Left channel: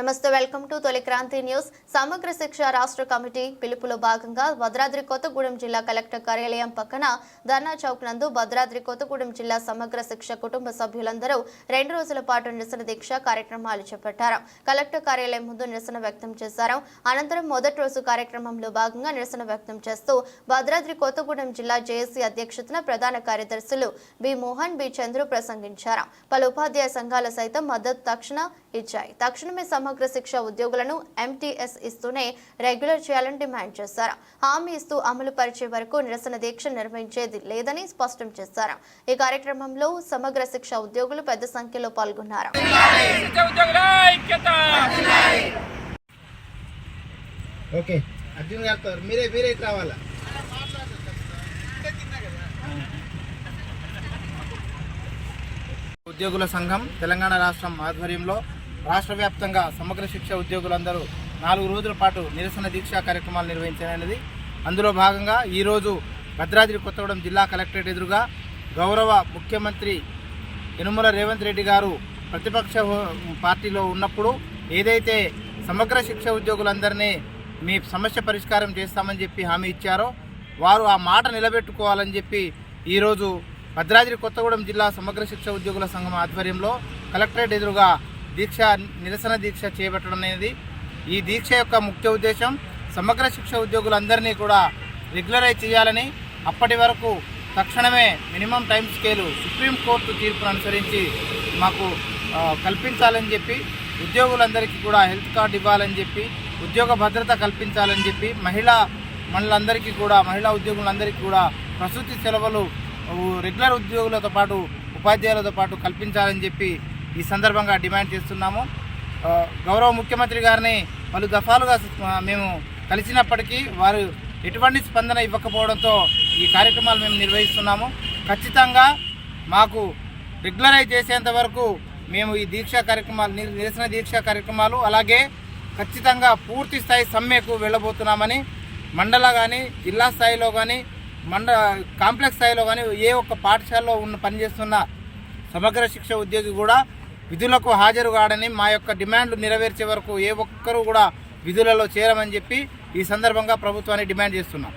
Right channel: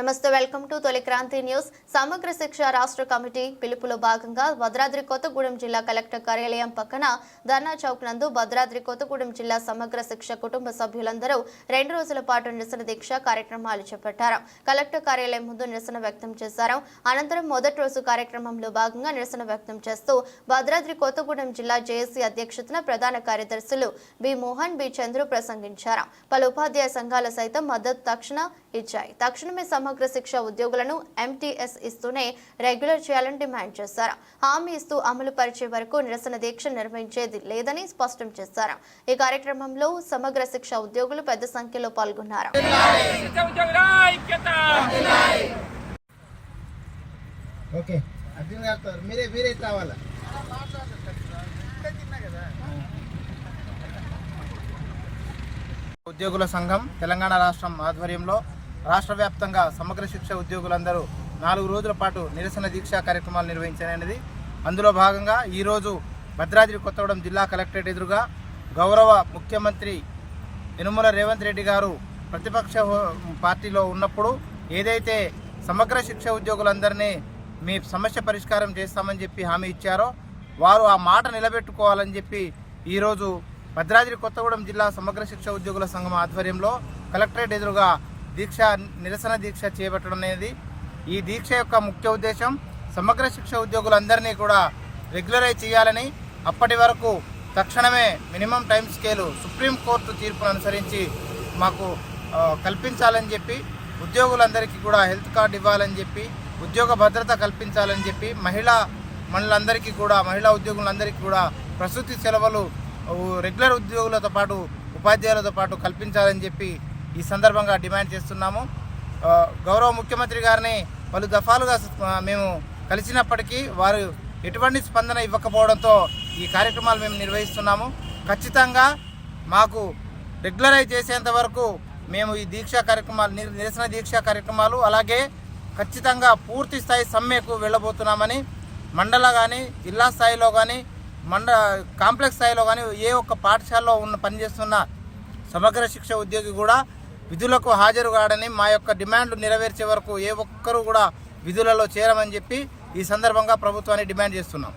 నమస్తే, welcome to తొలి Kranti news. సమగ్ర శిక్ష రాష్ట్ర కమిటీ పిలుపులో భాగంగా భద్రాద్రి కొత్తగూడెం జిల్లా కలెక్టర్ కార్యాలయం పక్కన ధర్నా చౌక్ నందు భద్రాద్రి కొత్తగూడెం జిల్లా సమగ్ర శిక్ష కుటుంబ సభ్యులందరూ 2 రోజుల పాటు నిరసన దీక్ష కార్యక్రమాలు చేపట్టారు. కలెక్టర్ కార్యాలయం ముందు నిరసన వ్యక్తం చేశారు. అనంతరం మొదటి రోజు కార్యక్రమంలో భాగంగా నిరసన వ్యక్తం చేస్తూ భద్రాద్రి కొత్తగూడెం జిల్లా జేఏసీ అధ్యక్షతన ప్రధాన కార్యదర్శులు బి మోహన్, బి చంద్రు ప్రసంగించారు. పలు ఉపాధ్యాయ సంఘాలు సైతం మద్దతు ఇచ్చాయి. తక్షణమే సమగ్ర శిక్ష ఉద్యోగులను ఎంటీఎస్ ఇస్తూనే రెగ్యులర్ చేయాలని డిమాండ్ చేశారు. హామీ ఇస్తూ అమలు పరిచే వరకు నిరసన దీక్ష నిర్వహించేది లేదని స్పష్టం చేశారు. ఈ కార్యక్రమంలో సమగ్ర శిక్ష ఉద్యోగులు పెద్ద సంఖ్యలో పాల్గొన్నారు. ఉద్యోగుల సంఘం తెలంగాణ రాష్ట్రం ఆధ్వర్యంలో రాష్ట్ర వ్యాప్తంగా సమగ్ర శిక్ష ఉద్యోగులందరూ 4 రోజుల పాటు నిరసన దీక్షా కార్యక్రమాలు నిర్వహించారనేది. అందులో భాగంగా ఈరోజు భద్రాద్రి కొత్తగూడెం జిల్లా కలెక్టరేట్ ఎదురుగా గౌరవ ముఖ్యమంత్రి యనుమల రేవంత్ రెడ్డి గారు ప్రతిపక్ష పార్టీలో ఉన్నప్పుడు ఏదైతే సమగ్ర శిక్ష ఉద్యోగులందరినీ మీ సమస్య పరిష్కారం చేస్తామని చెప్పి హామీ ఇచ్చారో వారు ఆ మాట నిలబెట్టుకోవాలని చెప్పి ఈరోజు భద్రాద్రి కొత్తగూడెం జిల్లా సమగ్ర శిక్ష ఉద్యోగుల సంఘం ఆధ్వర్యంలో కలెక్టరేట్ ఎదురుగా నిరసన దీక్ష చేపట్టడం అనేది. ఈ దీక్ష యొక్క ముఖ్య ఉద్దేశం సమగ్ర శిక్ష ఉద్యోగులందరినీ కూడా రెగ్యులరైజ్ చేయాలని, అప్పటి వరకు తక్షణమే మినిమం టైం స్కేలు సుప్రీంకోర్టు తీర్పును అనుసరించి మాకు కల్పించాలని చెప్పి, ఉద్యోగులందరికీ కూడా హెల్త్ కార్డు ఇవ్వాలని చెప్పి, ఉద్యోగ భద్రత కల్పించాలని చెప్పి, మహిళా ఉద్యోగులందరికీ కూడా ప్రసూతి సెలవులు రెగ్యులర్ ఉద్యోగులతో పాటు ఉపాధ్యాయులతో పాటు కల్పించాలని చెప్పి ఈ సందర్భంగా డిమాండ్ చేస్తున్నాము. గౌరవ ముఖ్యమంత్రి గారిని పలు దఫాలుగా మేము కలిసినప్పటికీ వారు ఎటువంటి స్పందన ఇవ్వకపోవడంతో ఈ కార్యక్రమాలు మేము నిర్వహిస్తున్నాము. ఖచ్చితంగా మాకు రెగ్యులరైజ్ చేసేంత వరకు మేము ఈ నిరసన దీక్షా కార్యక్రమాలు అలాగే ఖచ్చితంగా పూర్తి స్థాయి సమ్మెకు వెళ్ళబోతున్నామని, మండల కానీ జిల్లా స్థాయిలో కానీ కాంప్లెక్స్ స్థాయిలో కానీ ఏ ఒక్క పాఠశాలలో పనిచేస్తున్న సమగ్ర శిక్ష ఉద్యోగి కూడా విధులకు హాజరు కాడని, మా యొక్క డిమాండ్లు నెరవేర్చే వరకు ఏ ఒక్కరూ కూడా విధులలో చేరమని చెప్పి ఈ సందర్భంగా ప్రభుత్వాన్ని డిమాండ్ చేస్తున్నాం.